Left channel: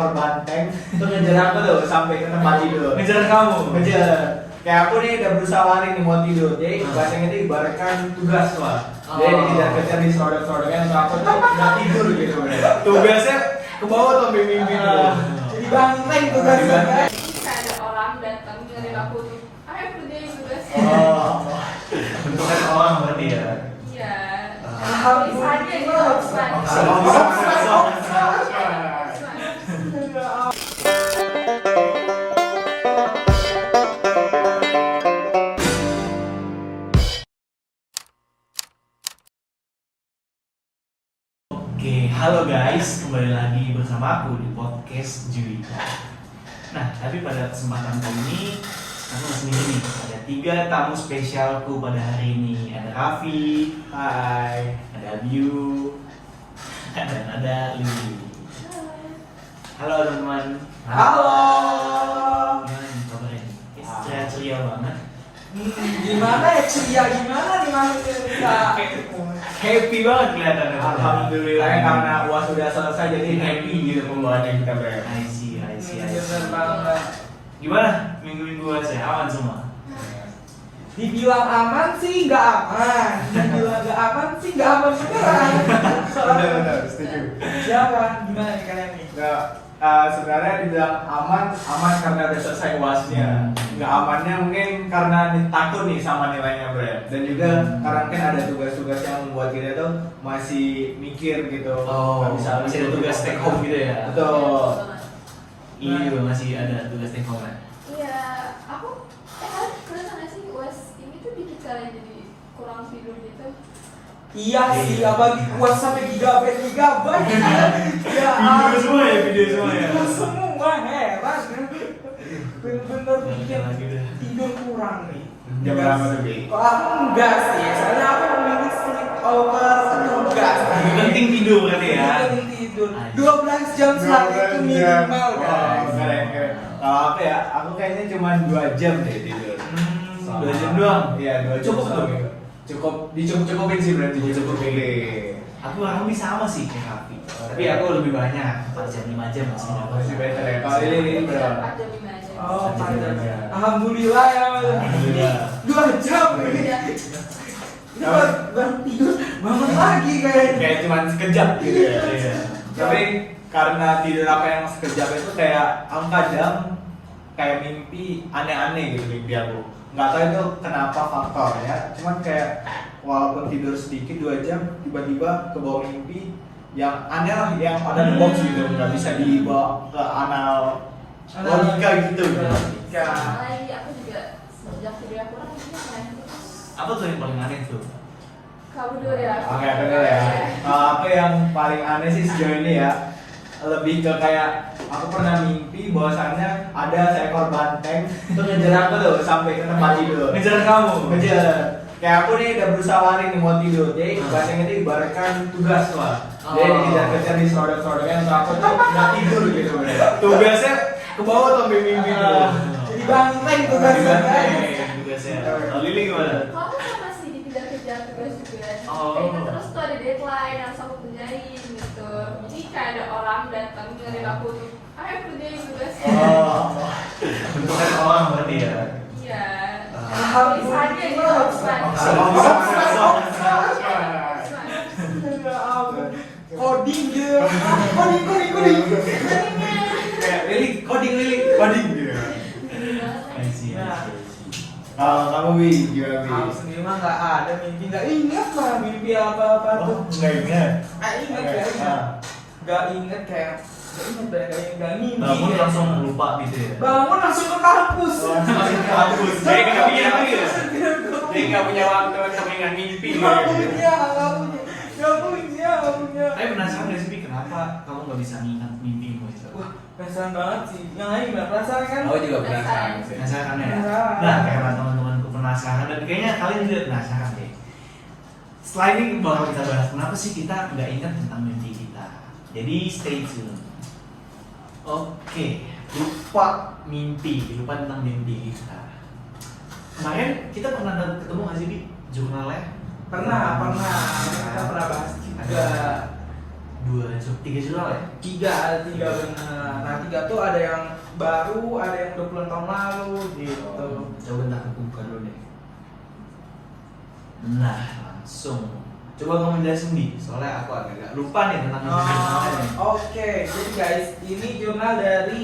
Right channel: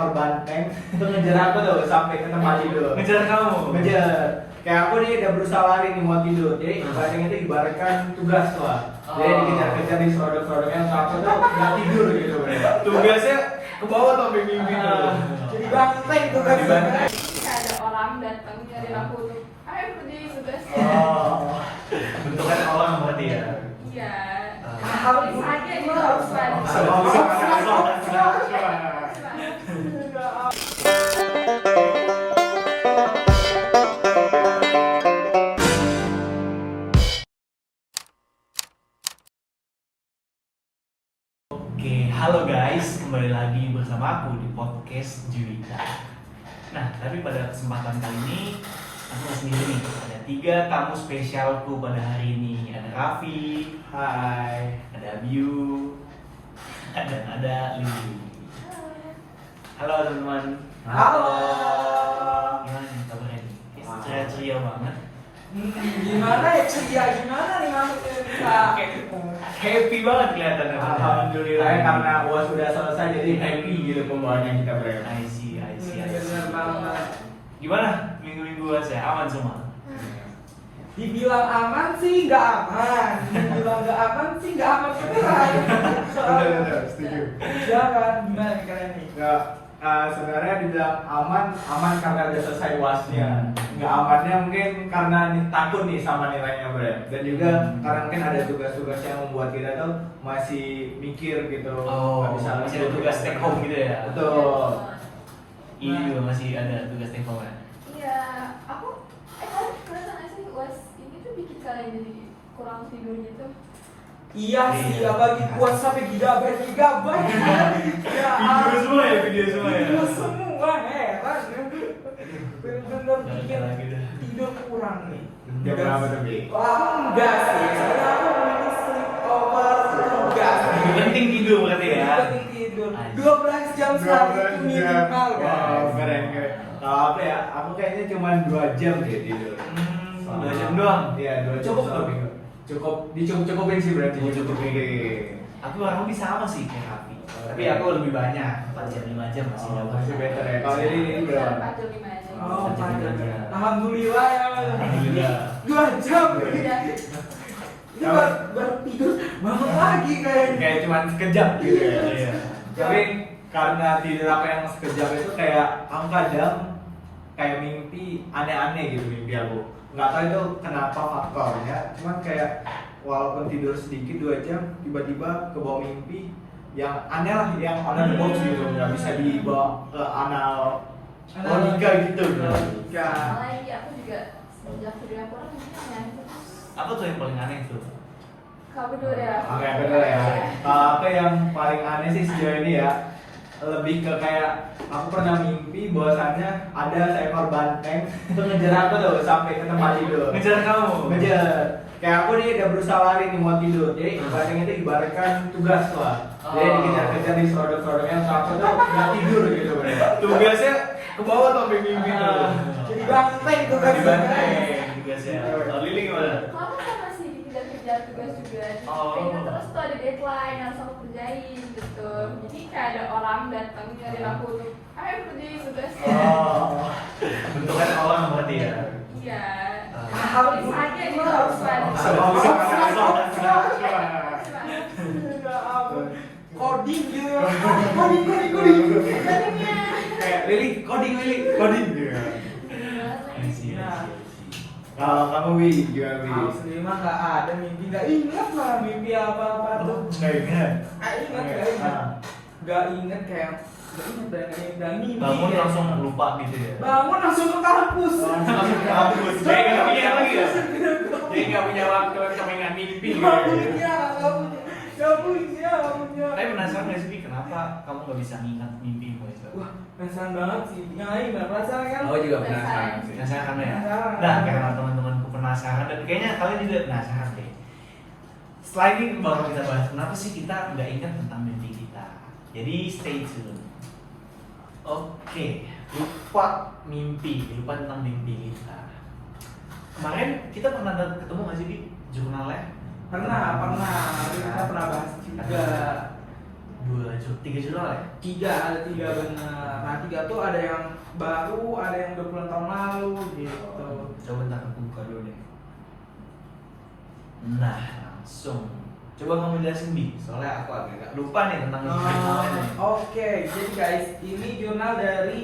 seekor banteng itu ngejar aku tuh sampai ke tempat tidur. Ngejar kamu? Ngejar. Kayak aku nih udah berusaha lari nih mau tidur. Jadi banteng itu ibaratkan tugas lah. Jadi dikejar-kejar di serodok-serodoknya untuk aku tuh nggak tidur gitu. Tugasnya ke bawah tuh mimpi tuh. Jadi banteng tugasnya. Ada orang datang nyari aku nih. Ayo kerjain tugasnya. Bentukan orang berarti ya. Iya. Tulisannya gitu harus Oke, halo guys, kembali lagi bersama aku di podcast Juwita. Nah, tapi pada kesempatan kali ini aku sendiri nih. Ada 3 tamu spesialku pada hari ini. Ada Raffi, Hai. ada Abiu, dan ada Lili. Halo teman-teman. Halo. Gimana nih kabarnya nih? Ceria-ceria banget. Gimana ya ceria gimana nih Mas? Happy banget kelihatannya. Alhamdulillah karena buat sudah selesai jadi happy gitu pembawaannya kita berarti. I see. Bener banget. Gimana minggu-minggu saya aman semua? Dibilang aman sih nggak aman, dibilang nggak aman sih nggak aman beneran. Benar, setuju. Jangan gimana nih kalian nih? Nggak, sebenarnya dibilang aman karena udah selesai UASnya. Nggak amannya mungkin karena takut nih sama nilainya bro ya. Dan juga karena mungkin ada tugas-tugas yang membuat kita tuh masih mikir gitu. Nggak bisa masih ada tugas take home gitu ya? Betul. Ini juga masih ada tugas take home kan? Iya, aku kalian pernah nggak sih UAS ini tuh bikin kalian jadi kurang tidur gitu? Iya sih, apalagi kuat sampai gigabyte. Ya, Video semua ya? Video semua heran. Bener-bener bikin Jalan lagi dah. tidur kurang nih. Jam berapa tuh Bi? Kalau aku enggak sih, soalnya aku memilih sleep over tugas. Lebih penting tidur berarti ya? Lebih penting tidur. 12 jam sehari itu minimal kan. Keren. Kalau aku ya, aku kayaknya cuma 2 jam deh tidur. 2 jam doang? Iya, 2 jam. Cukup tuh? Cukup, dicukupin sih berarti. Cukupin. Aku kurang lebih sama sih kayak Raffi. Tapi aku lebih banyak, 4 jam, 5 jam masih Masih better ya. Kalau ini berapa? 4 jam 5 jam. Oh, 4 jam. alhamdulillah ya. Alhamdulillah. 2 jam. Ya baru tidur, bangun lagi kan. Kayak cuma sekejap gitu ya. Iya. Tapi karena tidur aku yang sekejap itu kayak aku kadang kayak mimpi aneh-aneh gitu mimpi aku. Nggak tahu itu kenapa faktornya. Cuman kayak walaupun tidur sedikit 2 jam tiba-tiba ke bawah mimpi yang aneh lah, yang ada di box gitu, nggak bisa dibawa ke anal logika gitu. Ya. Soalnya aku juga sejak tidur aku orang mungkin aneh terus. Apa tuh yang paling aneh tuh? Kamu dulu deh Raffi. Oke, bener ya. Kalau aku yang paling aneh sih sejauh ini ya, lebih ke kayak aku pernah mimpi bahwasannya ada seekor banteng itu ngejar aku tuh sampai ke tempat tidur. Ngejar kamu? Ngejar. Kayak aku nih udah berusaha lari nih mau tidur. Jadi banteng itu ibaratkan tugas lah. Jadi dikejar-kejar di serodok-serodoknya untuk aku tuh nggak tidur gitu. Tugasnya ke bawah tuh mimpi tuh. Jadi banteng tugasnya. Tugasnya. Kalau Lili gimana? Kamu sama sih dikejar-kejar tugas juga. Oh. Kayaknya terus tuh ada deadline harus aku kerjain gitu. Jadi kayak ada orang datang nyari aku nih. Ayo kerjain tugasnya. Bentukan orang berarti ya? Iya. Tulisannya gitu harus Coding gitu. Coding. Kayak coding gitu. I see. Kalau kamu Wi gimana Wi? Aku sendiri mah nggak ada mimpi, nggak ingat mah mimpi apa-apa tuh. Nggak ingat. Nggak ingat kayak nggak mimpi. Bangun langsung lupa gitu ya? Bangun langsung ke kampus. Masih ke kampus, jadi kan kepikiran lagi ya? Jadi nggak punya waktu untuk mengingat mimpi Nggak gitu. punya. Tapi penasaran nggak sih, Bi, kenapa kamu nggak bisa mengingat mimpimu itu? Wah, penasaran banget sih. Yang lain gimana? Penasaran kan? Aku juga penasaran sih. Penasaran ya? Penasaran. Nah, karena teman-temanku penasaran, dan kayaknya kalian juga penasaran deh. Setelah ini bakal kita bahas kenapa sih kita nggak ingat tentang mimpi kita. Jadi stay tune. Oke, lupa tentang mimpi kita. Kemarin kita pernah ketemu nggak sih, Bi? Jurnalnya? Pernah. Kita pernah bahas juga. tiga jurnal ya? Ada tiga benar. Nah 3 tuh ada yang baru, ada yang 20 tahun lalu gitu. Coba bentar aku buka dulu deh. Nah, langsung. Coba kamu jelasin Bi, soalnya aku agak lupa nih tentang jurnalnya nih. Oke, jadi guys, ini jurnal dari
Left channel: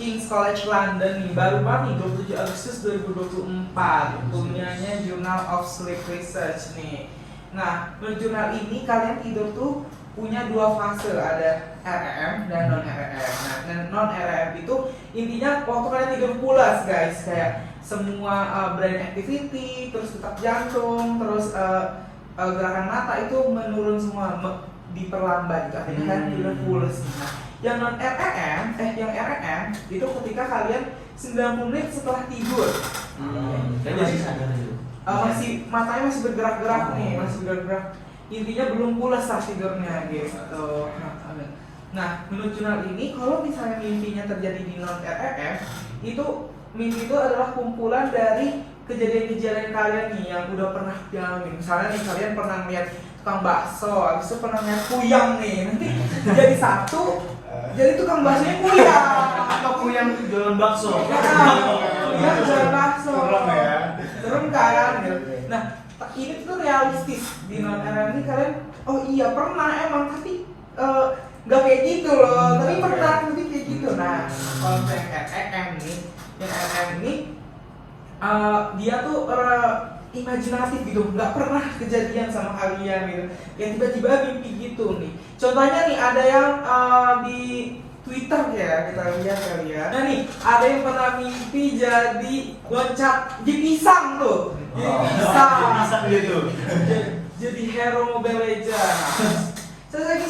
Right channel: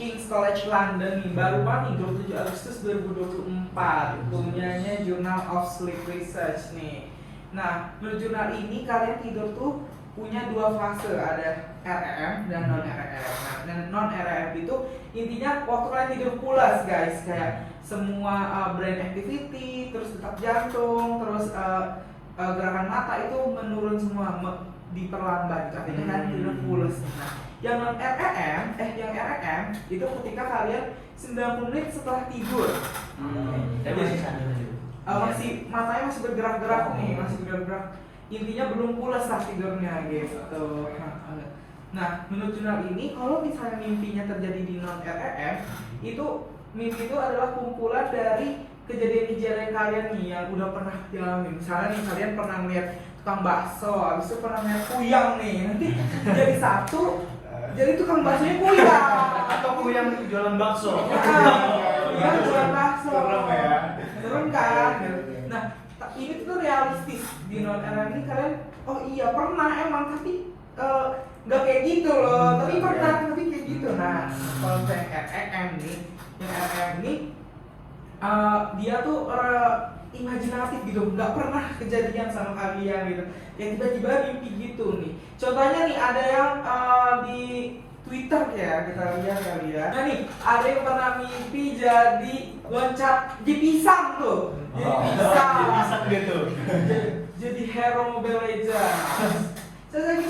King's College London nih, baru banget nih 27 Agustus 2024, punyanya Journal of Sleep Research nih. Nah, menurut jurnal ini kalian tidur tuh punya 2 fase, ada REM dan non REM. Nah, non REM itu intinya waktu kalian tidur pulas guys, kayak semua brain activity, terus detak jantung, terus gerakan mata itu menurun semua, diperlambat gitu. Artinya kalian tidur pulas. Nah, yang non REM, yang REM itu ketika kalian 90 menit setelah tidur. Saya masih sadar itu. Masih matanya masih bergerak-gerak nih, masih bergerak. Intinya belum pulas saat tidurnya gitu. Nah, menurut jurnal ini kalau misalnya mimpinya terjadi di non REM, itu mimpi itu adalah kumpulan dari kejadian-kejadian kalian nih yang udah pernah dialami. Misalnya nih kalian pernah melihat tukang bakso, habis itu pernah melihat kuyang nih, nanti jadi satu, jadi tukang baksonya kuyang. Atau kuyang jualan bakso. Iya, jualan bakso. Serem ya. Serem kan? Nah, ini tuh realistis di non REM ini kalian, oh iya pernah emang, tapi nggak kayak gitu loh, tapi pernah tapi kayak gitu. Nah, kalau misalnya yang REM nih, dia tuh imajinatif gitu, nggak pernah kejadian sama kalian gitu, yang tiba-tiba mimpi gitu nih. Contohnya nih ada yang di Twitter ya, kita lihat kali ya. Nah nih, ada yang pernah mimpi jadi loncat di pisang tuh. Pisang dia tuh. Jadi hero Mobile Legends. Terus lagi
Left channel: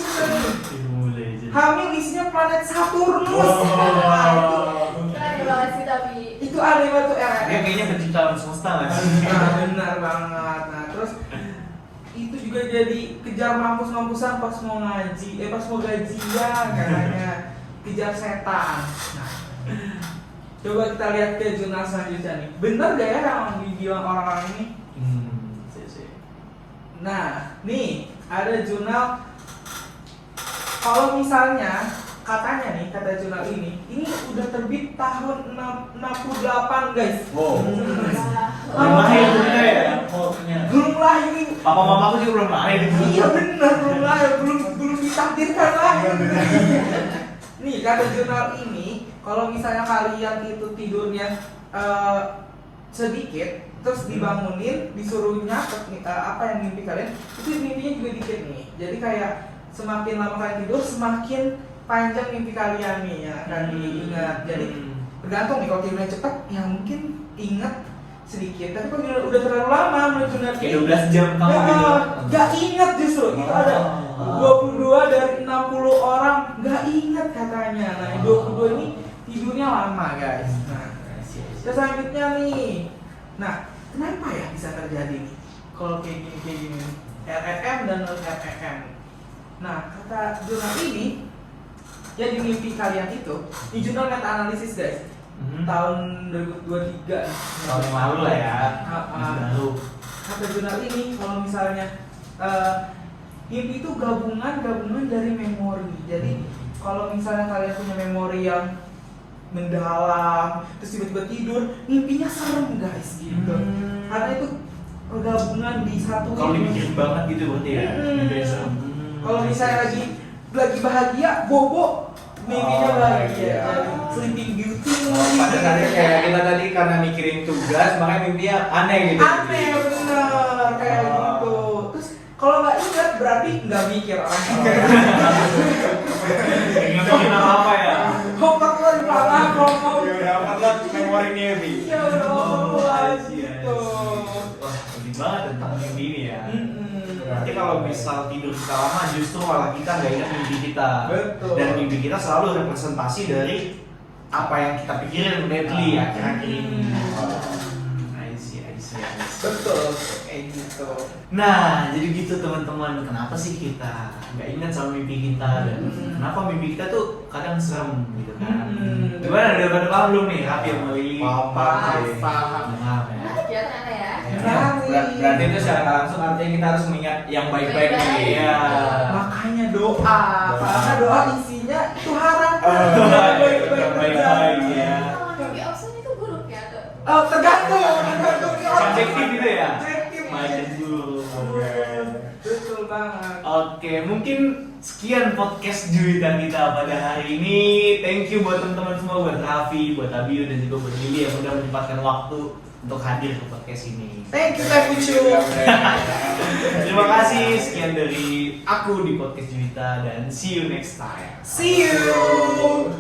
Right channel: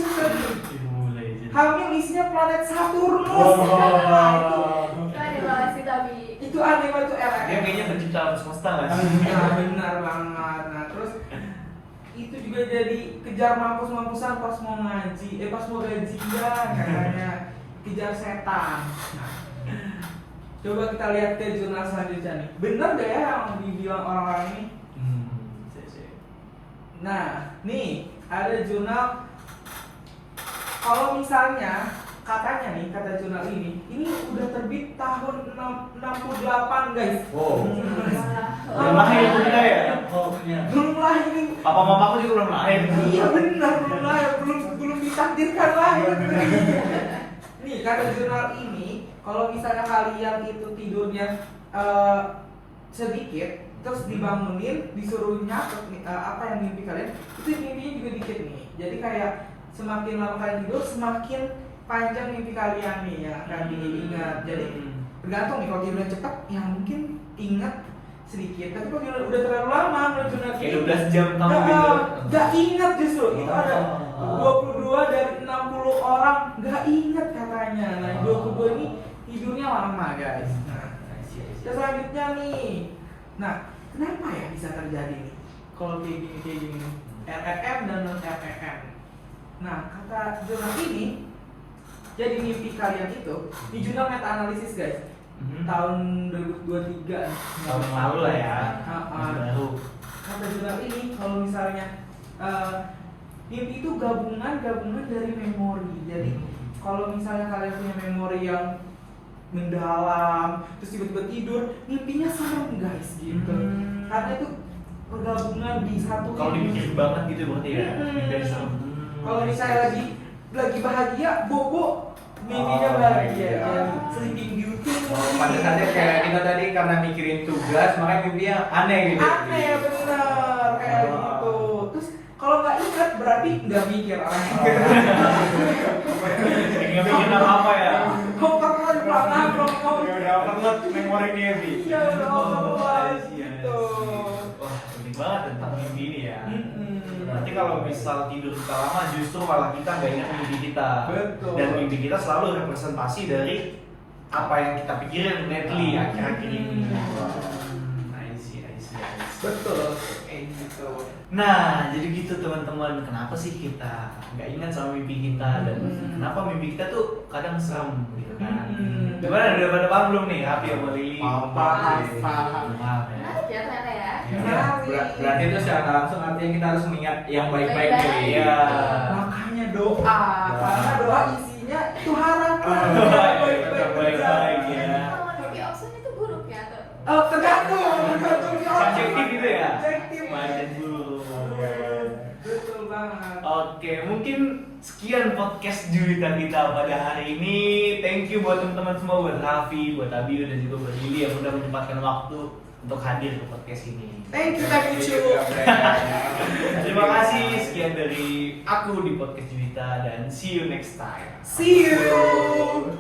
Hamil isinya planet Saturnus. Itu ada banget sih tapi Itu ada tuh Dia kayaknya penciptaan semesta nggak sih? Nah, benar banget. Nah, terus itu juga jadi kejar mampus-mampusan pas mau ngaji, pas mau gajian katanya, kejar setan. Nah, coba kita lihat ke jurnal selanjutnya nih. Bener gak ya yang dibilang orang-orang ini? Nah, nih ada jurnal. Kalau misalnya katanya nih, kata jurnal ini udah terbit tahun 68 guys. Wow. Belum lahir juga ya? Belum lahir nih. Papa mamaku juga belum lahir. Iya benar, belum lahir, belum ditakdirkan lahir. Nih kata jurnal ini, kalau misalnya kalian itu tidurnya sedikit, terus dibangunin, disuruh nyatet apa yang mimpi kalian, itu mimpinya juga dikit nih. Jadi kayak semakin lama kalian tidur, semakin panjang mimpi kalian nih ya, kan diingat. Jadi tergantung nih, kalau tidurnya cepat, ya mungkin ingat sedikit. Tapi kalau udah terlalu lama menurut kayak 12 jam kamu gitu. Gak ingat justru. Itu ada 22 dari 60 orang gak ingat katanya. Nah, 22 ini tidurnya lama guys. Nah, selanjutnya nih. Nah, kenapa ya bisa terjadi nih kalau kayak gini REM dan non REM? Nah, kata jurnal ini, jadi mimpi kalian itu, di jurnal meta analisis guys, tahun 2023 tahun yang lalu lah ya, masih baru. Kata jurnal ini, kalau misalnya mimpi itu gabungan dari memori. Jadi kalau misalnya kalian punya memori yang mendalam, terus tiba-tiba tidur, mimpinya serem guys gitu. Karena itu pergabungan di satu. Kalau dipikirin banget gitu berarti ya. Kalau misalnya lagi bahagia, bobo mimpinya bahagia. Sleeping Beauty. Pada saatnya kayak kita tadi karena mikirin tugas, makanya mimpinya aneh gitu. Aneh bener kayak gitu. Terus kalau nggak ingat berarti nggak mikir orang. Nggak bikin apa ya? Homework lagi banget, homework. Ya udah upload memori mimpi. Iya udah homework gitu. Wah, penting banget tentang mimpi ini ya. Nanti kalau misal tidur kita lama, justru malah kita nggak ingat mimpi kita. Betul. Dan mimpi kita selalu representasi dari apa yang kita pikirin lately akhir-akhir ini. I see. Betul, kayak gitu. Nah, jadi gitu teman-teman. Kenapa sih kita nggak ingat sama mimpi kita dan kenapa mimpi kita tuh kadang serem gitu kan? Gimana? Udah pada paham belum nih? Happy sama Lili? Paham. Paham ya. ya ternyata ya. Berarti itu secara langsung artinya kita harus mengingat yang baik-baik nih. Iya. Makanya doa. Karena doa isinya itu harapan. Oh, Baik-baik baik ya. Kalau mimpi option itu buruk ya tuh. Tergantung dia. Subjektif gitu ya? Subjektif. Baik dan buruk. Betul banget. Oke, mungkin sekian podcast Juwita kita pada hari ini. Thank you buat teman-teman semua, buat Raffi, buat Abiu, dan juga buat Lili yang udah menyempatkan waktu untuk hadir ke podcast ini. Thank you, Cucu. Terima kasih, sekian dari aku di podcast Juwita, dan see you next time. See you.